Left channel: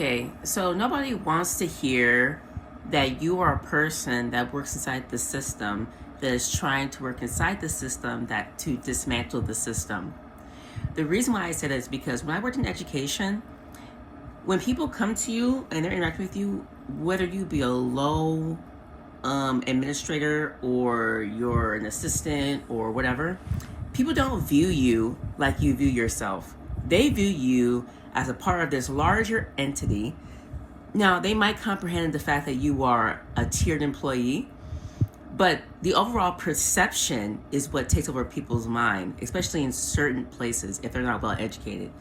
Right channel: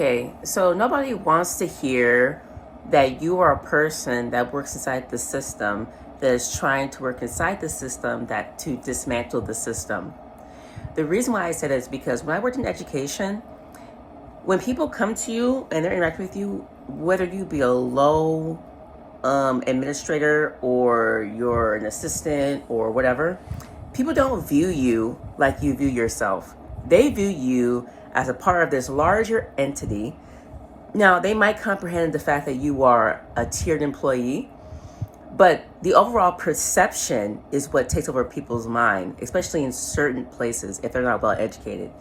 Okay, so nobody wants to hear that you are a person that works inside the system that is trying to work inside the system that to dismantle the system. The reason why I said it is because when I worked in education, when people come to you and they're interacting with you, whether you be a low administrator or you're an assistant or whatever, people don't view you like you view yourself. They view you as a part of this larger entity. Now, they might comprehend the fact that you are a tiered employee, but the overall perception is what takes over people's mind, especially in certain places if they're not well educated.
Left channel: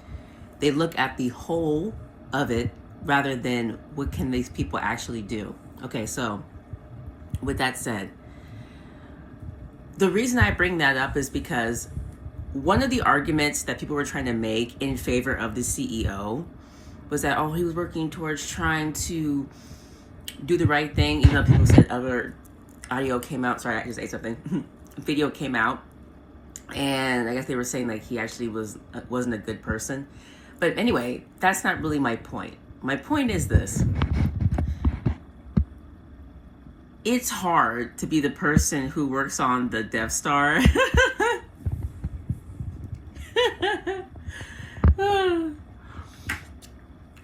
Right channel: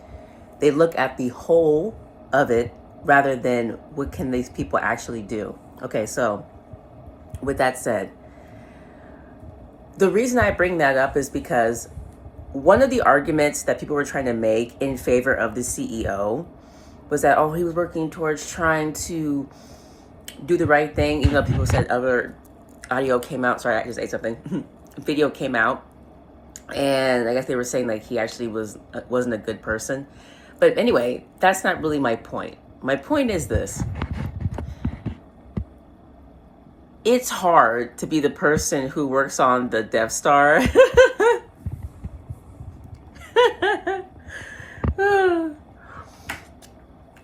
They look at the whole of it rather than what can these people actually do. Okay, so with that said, the reason I bring that up is because one of the arguments that people were trying to make in favor of the CEO was that, oh, he was working towards trying to do the right thing, even though people said other audio came out. Sorry, I just ate something. Video came out, and I guess they were saying like he actually wasn't a good person. But anyway, that's not really my point. My point is this. It's hard to be the person who works on the Death Star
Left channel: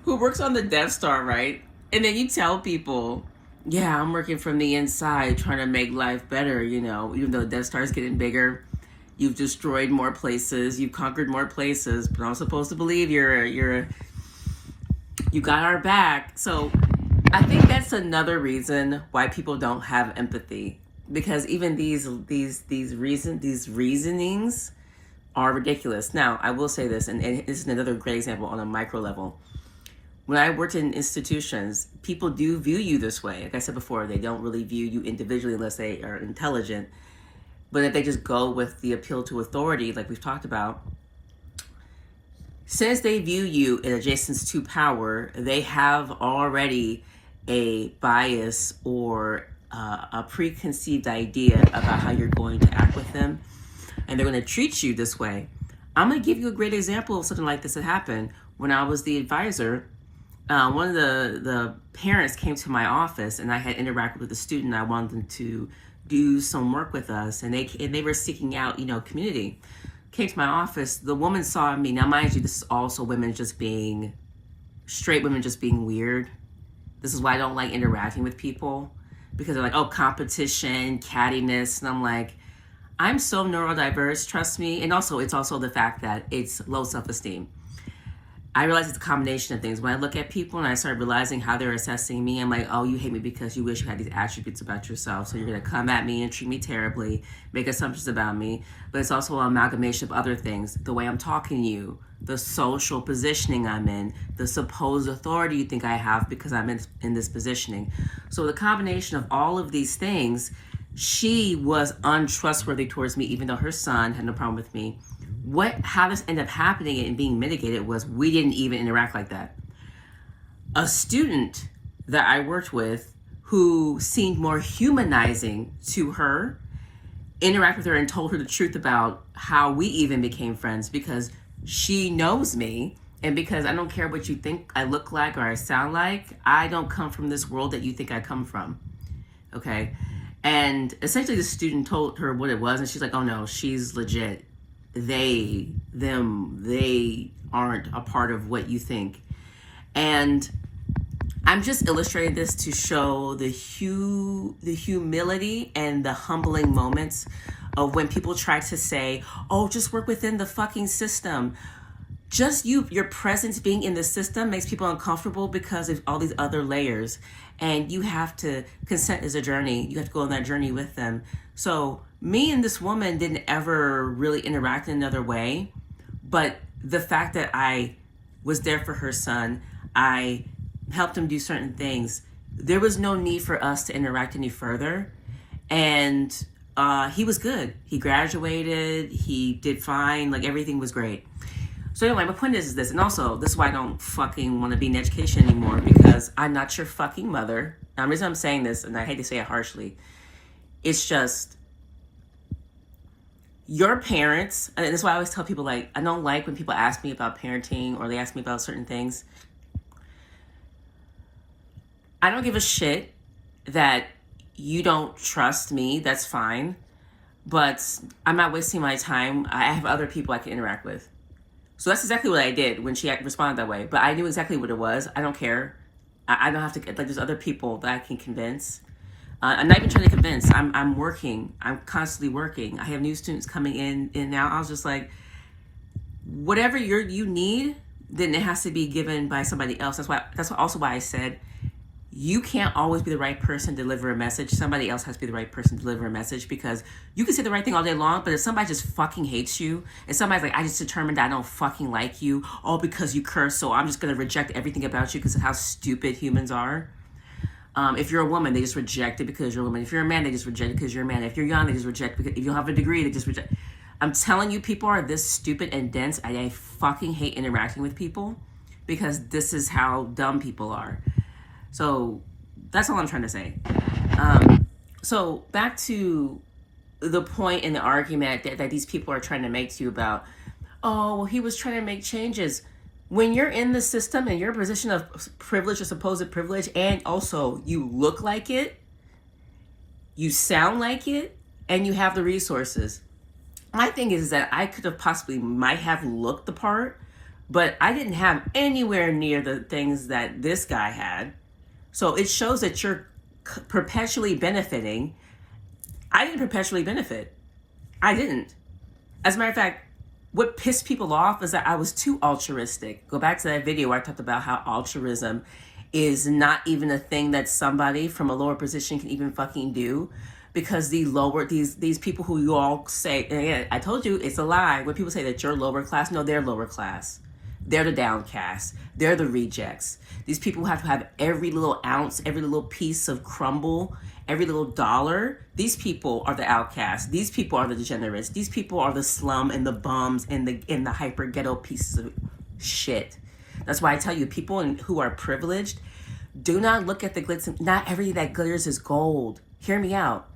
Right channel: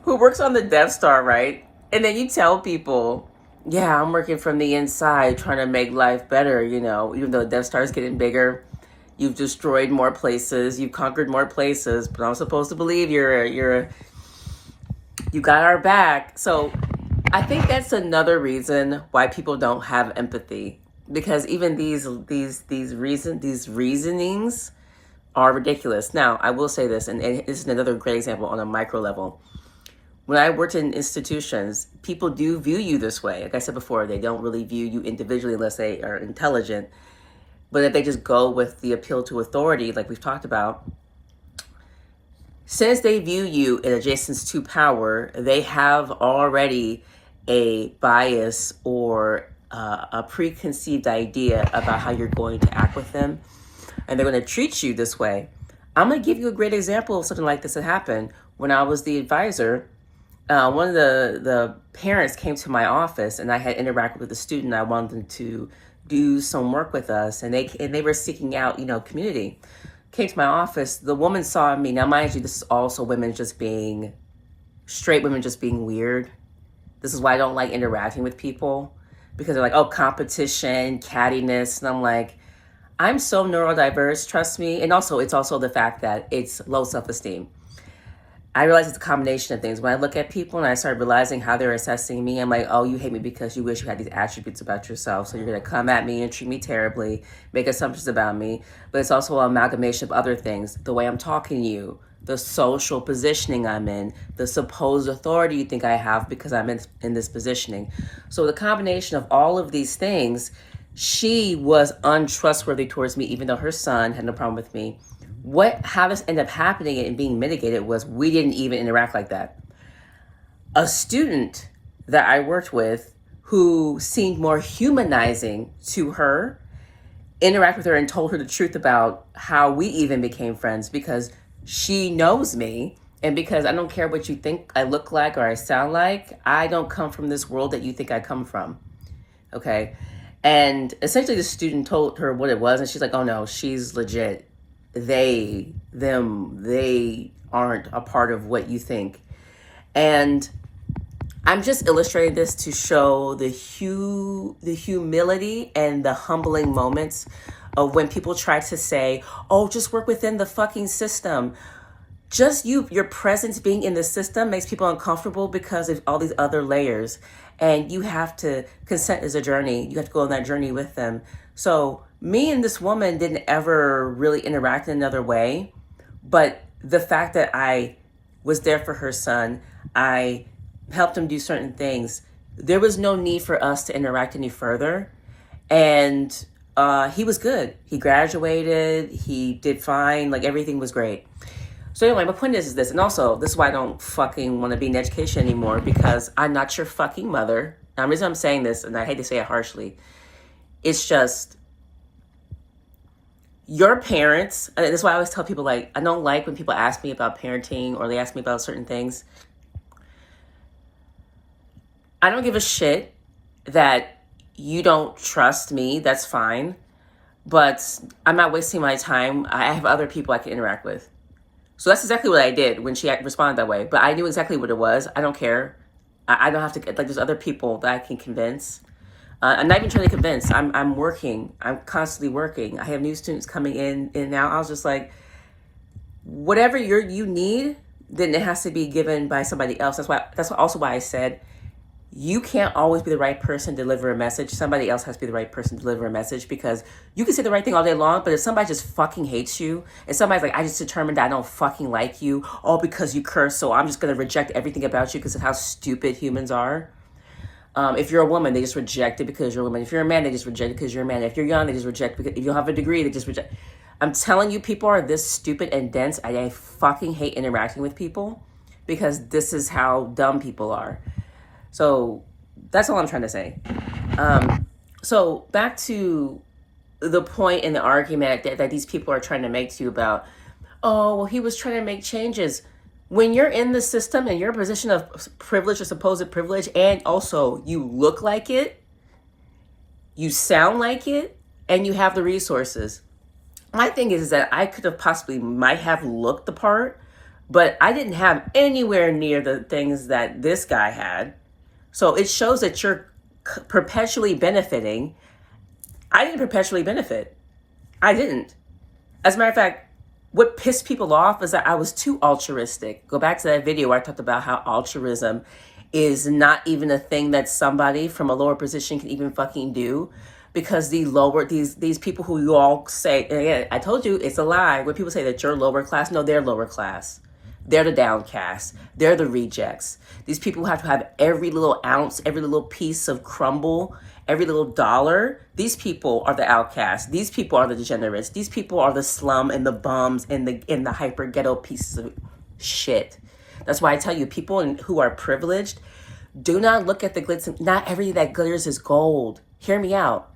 who works on the Death Star, right? And then you tell people, yeah, I'm working from the inside trying to make life better, even though the Death Star is getting bigger. You've destroyed more places, you've conquered more places, but I'm supposed to believe you got our back. So I think that's another reason why people don't have empathy, because even these reasonings are ridiculous. Now, I will say this, and this is another great example on a micro level. When I worked in institutions, people do view you this way. Like I said before, they don't really view you individually unless they are intelligent. But if they just go with the appeal to authority, like we've talked about, since they view you in adjacent to power, they have already a bias or a preconceived idea about how you're going to act with them. And they're going to treat you this way. I'm going to give you a great example of something like this that happened. When I was the advisor, one of the parents came to my office, and I had interacted with a student. I wanted them to do some work with us, and they were seeking out, community. Came to my office. The woman saw me. Now, mind you, this is also straight women just being weird. This is why I don't like interacting with people, because they're like, oh, competition, cattiness. And I'm like, I'm so neurodiverse, trust me. And also, it's also the fact that it's low self-esteem. I realize it's a combination of things. When I look at people and I start realizing how they're assessing me, I'm like, oh, you hate me because you wish you had these attributes about yourself. So you're going to come at me and treat me terribly, make assumptions about me. But it's also an amalgamation of other things. The way I'm talking to you, the social positioning I'm in, the supposed authority you think I have because I'm in this positioning. So the combination of all of these things, she was untrustworthy towards me, even though her son had no problem with me. How this ended up happening and being mitigated was we didn't even interact like that. A student that I worked with who seemed more humanizing to her, interacted with her and told her the truth about how we even became friends, because she knows me, and because I don't care what you think I look like or I sound like, I don't come from this world that you think I come from. Okay? And essentially the student told her what it was, and she's like, oh no, she's legit. They aren't a part of what you think. And I'm just illustrating this to show the humility and the humbling moments of when people try to say, oh, just work within the fucking system. Just your presence being in the system makes people uncomfortable because of all these other layers. And you have to, consent is a journey. You have to go on that journey with them. So me and this woman didn't ever really interact in another way. But the fact that I was there for her son, I helped him do certain things, there was no need for us to interact any further. And he was good. He graduated. He did fine. Like, everything was great. So anyway, my point is this, and also this is why I don't fucking want to be in education anymore, because I'm not your fucking mother. Now, the reason I'm saying this, and I hate to say it harshly, it's just your parents, and this is why I always tell people, like, I don't like when people ask me about parenting or they ask me about certain things. I don't give a shit that you don't trust me. That's fine. But I'm not wasting my time. I have other people I can interact with. So that's exactly what I did when she responded that way. But I knew exactly what it was. I don't care. I don't have to, like, there's other people that I can convince. I'm not even trying to convince. I'm working. I'm constantly working. I have new students coming in and now. I was just like, whatever you need, then it has to be given by somebody else. That's also why I said, you can't always be the right person to deliver a message. Somebody else has to be the right person to deliver a message, because you can say the right thing all day long, but if somebody just fucking hates you, and somebody's like, I just determined that I don't fucking like you, all because you curse, so I'm just going to reject everything about you because of how stupid humans are. If you're a woman, they just reject it because you're a woman. If you're a man, they just reject it because you're a man. If you're young, they just reject it because if you don't have a degree, they just reject. I'm telling you, people are this stupid and dense. I fucking hate interacting with people because this is how dumb people are. So that's all I'm trying to say. So back to the point in the argument that these people are trying to make to you about, oh, well, he was trying to make changes. When you're in the system and you're in a position of privilege or supposed privilege, and also you look like it, you sound like it, and you have the resources. My thing is that I could have might have looked the part, but I didn't have anywhere near the things that this guy had. So it shows that you're perpetually benefiting. I didn't perpetually benefit. I didn't. As a matter of fact, what pissed people off is that I was too altruistic. Go back to that video where I talked about how altruism is not even a thing that somebody from a lower position can even fucking do, because these people who you all say, yeah, I told you it's a lie. When people say that you're lower class, no, they're lower class. They're the downcast. They're the rejects. These people have to have every little ounce, every little piece of crumble, every little dollar. These people are the outcasts. These people are the degenerates. These people are the slum and the bums and the hyper ghetto pieces of shit. That's why I tell you, people who are privileged, do not look at the glitz. Not everything that glitters is gold. Hear me out.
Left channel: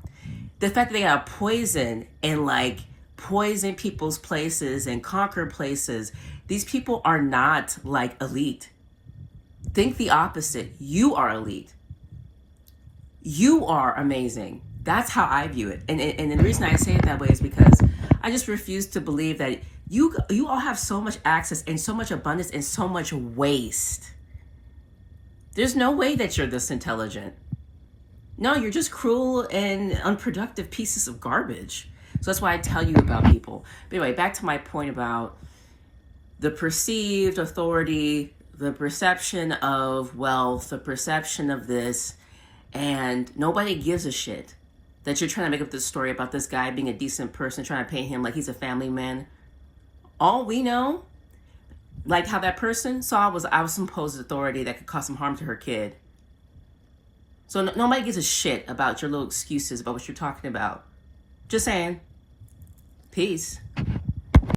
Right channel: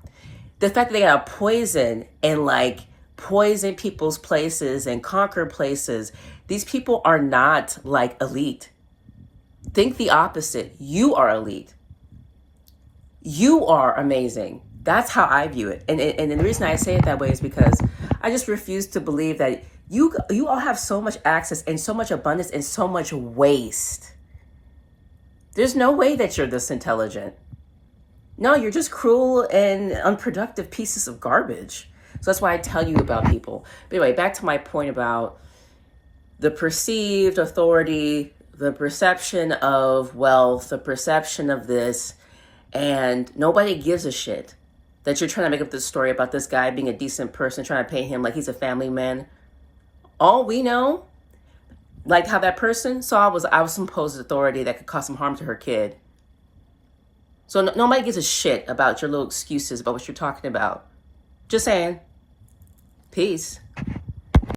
The fact that they gotta poison and like poison people's places and conquer places, these people are not like elite. Think the opposite. You are elite. You are amazing. That's how I view it. And the reason I say it that way is because I just refuse to believe that you all have so much access and so much abundance and so much waste. There's no way that you're this intelligent. No, you're just cruel and unproductive pieces of garbage. So that's why I tell you about people. But anyway, back to my point about the perceived authority, the perception of wealth, the perception of this, and nobody gives a shit that you're trying to make up this story about this guy being a decent person, trying to pay him like he's a family man. All we know, like how that person saw was I was supposed authority that could cause some harm to her kid. So nobody gives a shit about your little excuses about what you're talking about. Just saying. Peace.